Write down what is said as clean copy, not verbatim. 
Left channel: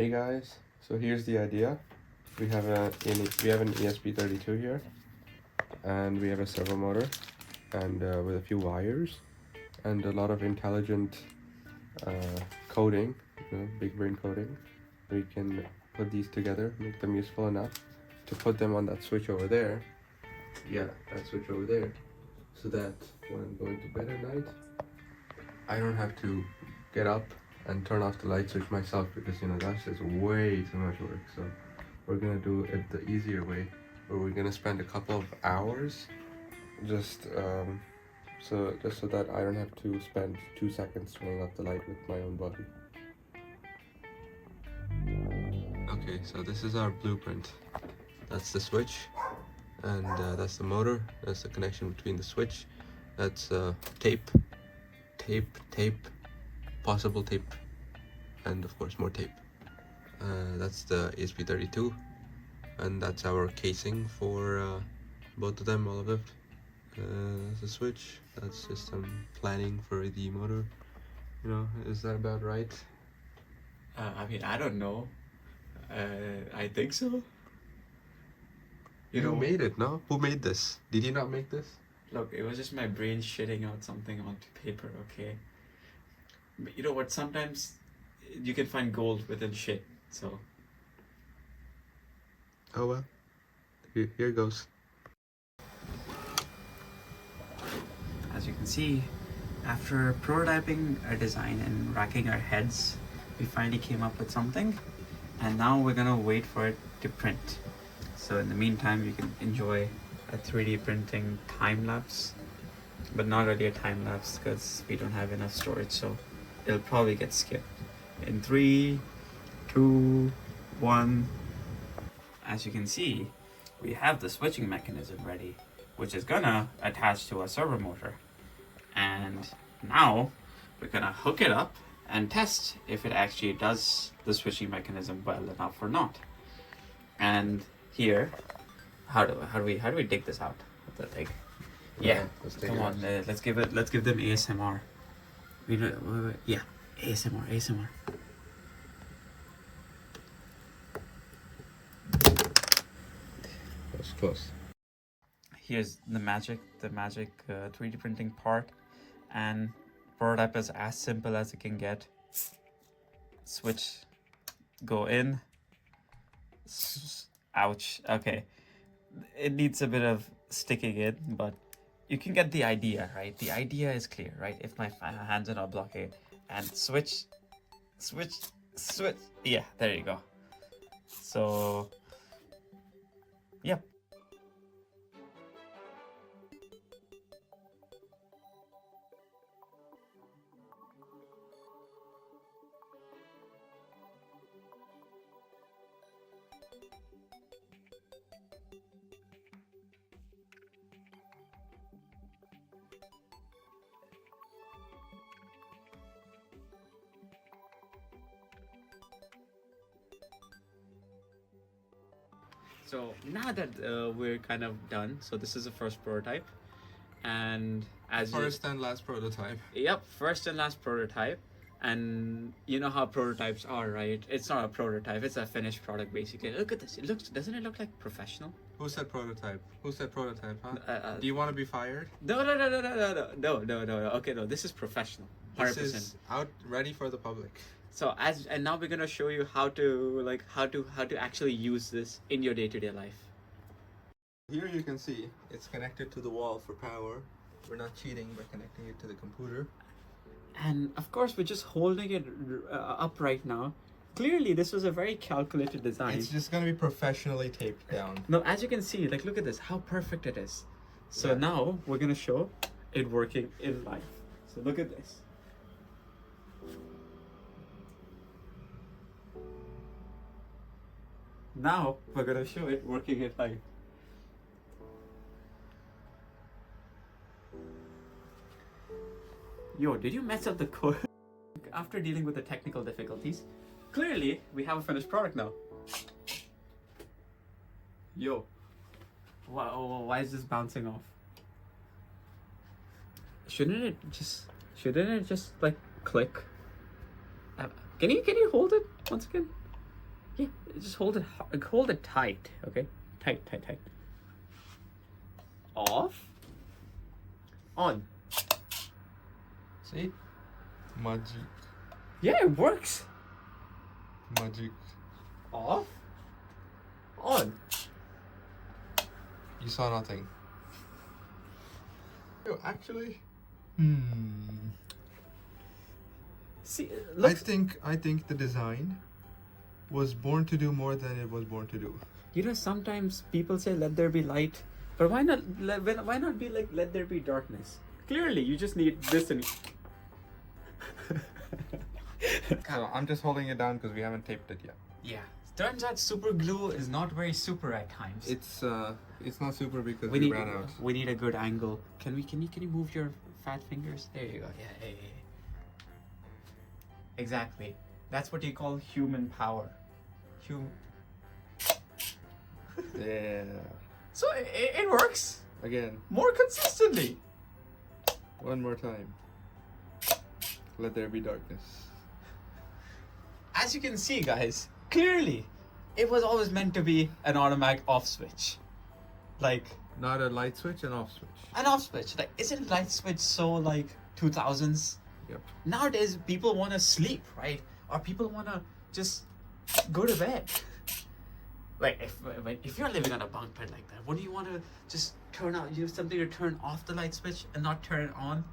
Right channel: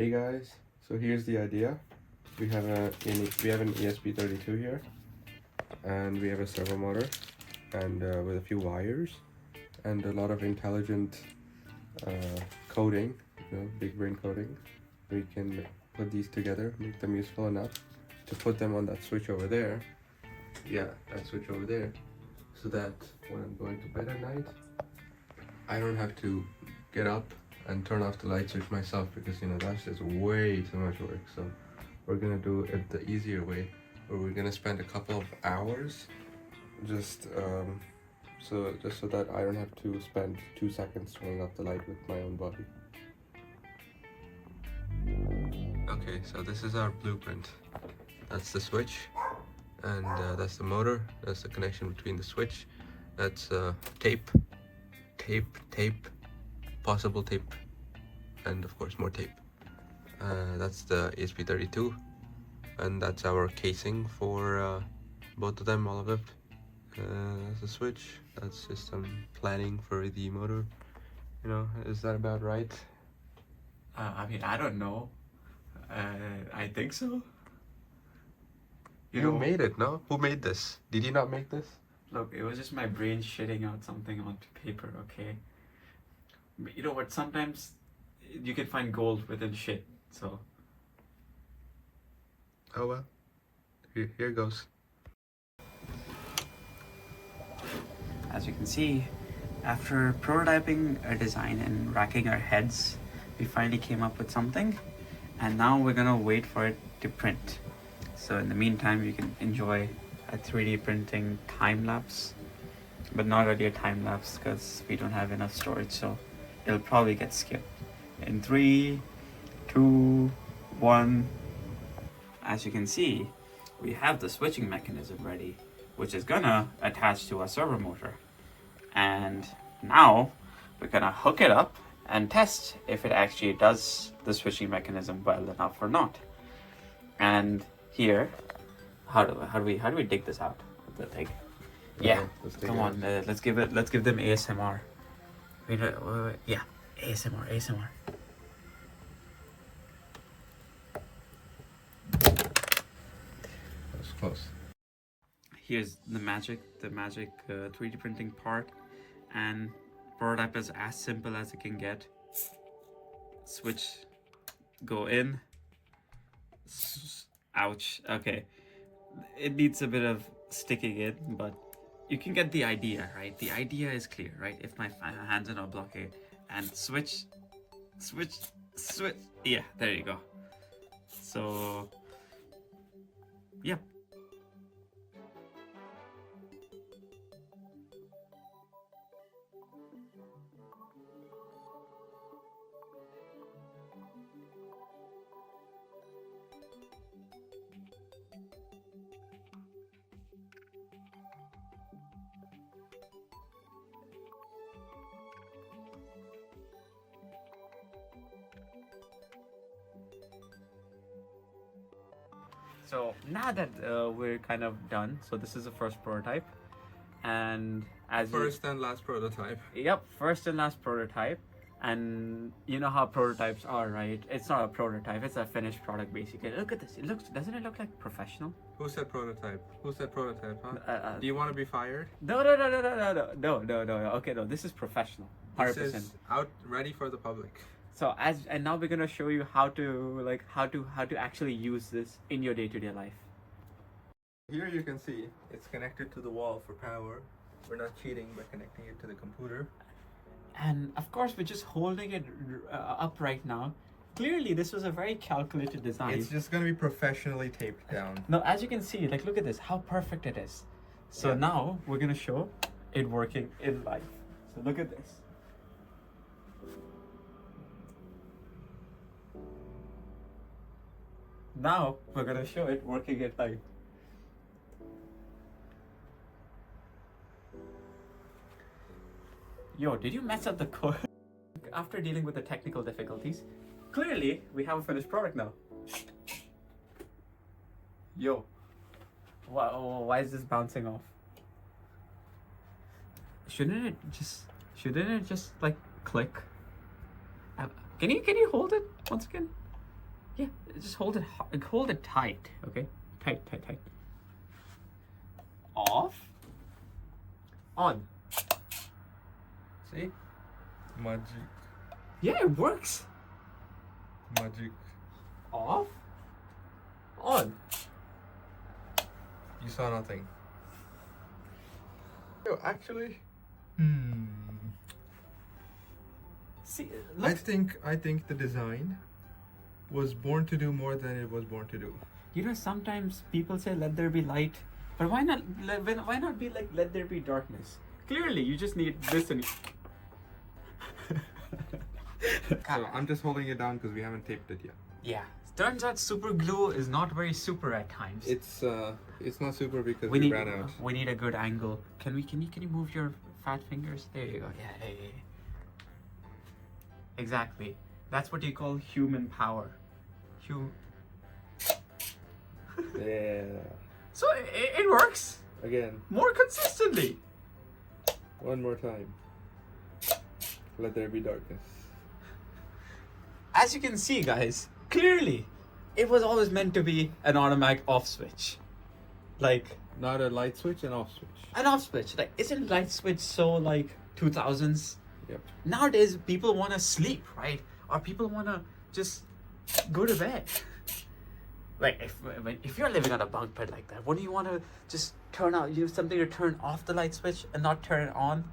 Hey guys, so here's the idea. We have an ESP32 here, and we have a servo motor, and with a few wires, and a lot of intelligent coding, big brain coding. We can put these together, make them useful enough to put them on that switch over there. Yeah, that switch over there, so that when I'm going to bed at night, I don't have to get up and turn off the light switch myself, because that's just way too much work. So we're gonna do it the easier way, where we're gonna spend a couple of hours just so that I don't have to spend 2 seconds turning off the light with my own body. Okay, so this is our blueprint. That's the switch, and that's the motor. That's the connection between the switch. That's tape, possible tape, and of course more tape. That's the ESP32, and that's our casing for both of them, all of it. That's the switch. That's just some planning for the motor. Is that about right? I mean, I don't know. I think so. You made it, no? Who made this? Did you not make this? Look, it was just my brain shitting out something onto paper, okay? But you know what? Sometimes you can find gold within shit, so. Oh well. Here goes. As you can see, after prototyping a design and racking our heads, we finally came up with something, and now we're gonna wait for it to print. So in the meantime, you can enjoy a 3D printing time lapse, but not really a time lapse because we don't have enough storage, so it'll probably get skipped. In 3, 2, 1. As you can see, we have the switching mechanism ready, which is gonna attach to a servo motor. And now we're gonna hook it up and test if it actually does the switching mechanism well enough or not. And here, how do we dig this out of the thing? Yeah, come on, let's give them ASMR. Wait, yeah, ASMR. That's close. Here's the magic 3D printing part, and prototype is as simple as it can get. Switch, go in. Ouch. Okay, it needs a bit of sticking in, but you can get the idea, right? The idea is clear, right? If my hands are not blocking, and switch. Yeah, there you go. So, yeah. So now that we're kind of done, so this is the first prototype, and as First and last prototype. Yep, first and last prototype, and you know how prototypes are, right? It's not a prototype; it's a finished product, basically. Look at this. Doesn't it look like professional? Who said prototype? Huh? Do you want to be fired? No. Okay, no, this is professional. 100%. This is out, ready for the public. So and now we're gonna show you how to actually use this in your day-to-day life. Here you can see it's connected to the wall for power. We're not cheating by connecting it to the computer. And of course, we're just holding it up right now. Clearly, this was a very calculated design. It's just gonna be professionally taped down. No, as you can see, look at this, how perfect it is. So now we're gonna show it working in life. So look at this. Now we're gonna show it working in life. Yo, did you mess up the code? After dealing with the technical difficulties, clearly we have a finished product now. Yo, why is this bouncing off? Shouldn't it just like click? Can you hold it once again? Yeah, just hold it tight, okay? Tight. Off. On. See? Magic. Yeah, it works. Magic. Off. On. You saw nothing. Yo, actually. See, look. I think the design was born to do more than it was born to do. You know, sometimes people say let there be light, but why not be like let there be darkness? Clearly, you just need this and. So I'm just holding it down because we haven't taped it yet. Yeah, turns out super glue is not very super at times. It's not super because we ran out. We need a good angle. Can you move your fat fingers? There you go. Yeah. Exactly. That's what you call human power. Yeah. So it works Again, more consistently. one more time. Let there be darkness. As you can see, guys, clearly, it was always meant to be an automatic off switch. Like, Not a light switch, an off switch. an off switch. Like, isn't light switch so, like, 2000s? Yep. Nowadays, people want to sleep, right? Or people want to just go to bed. Like, if you're living on a bunk bed like that, wouldn't you want to just use something to turn off the light switch and not turn it on?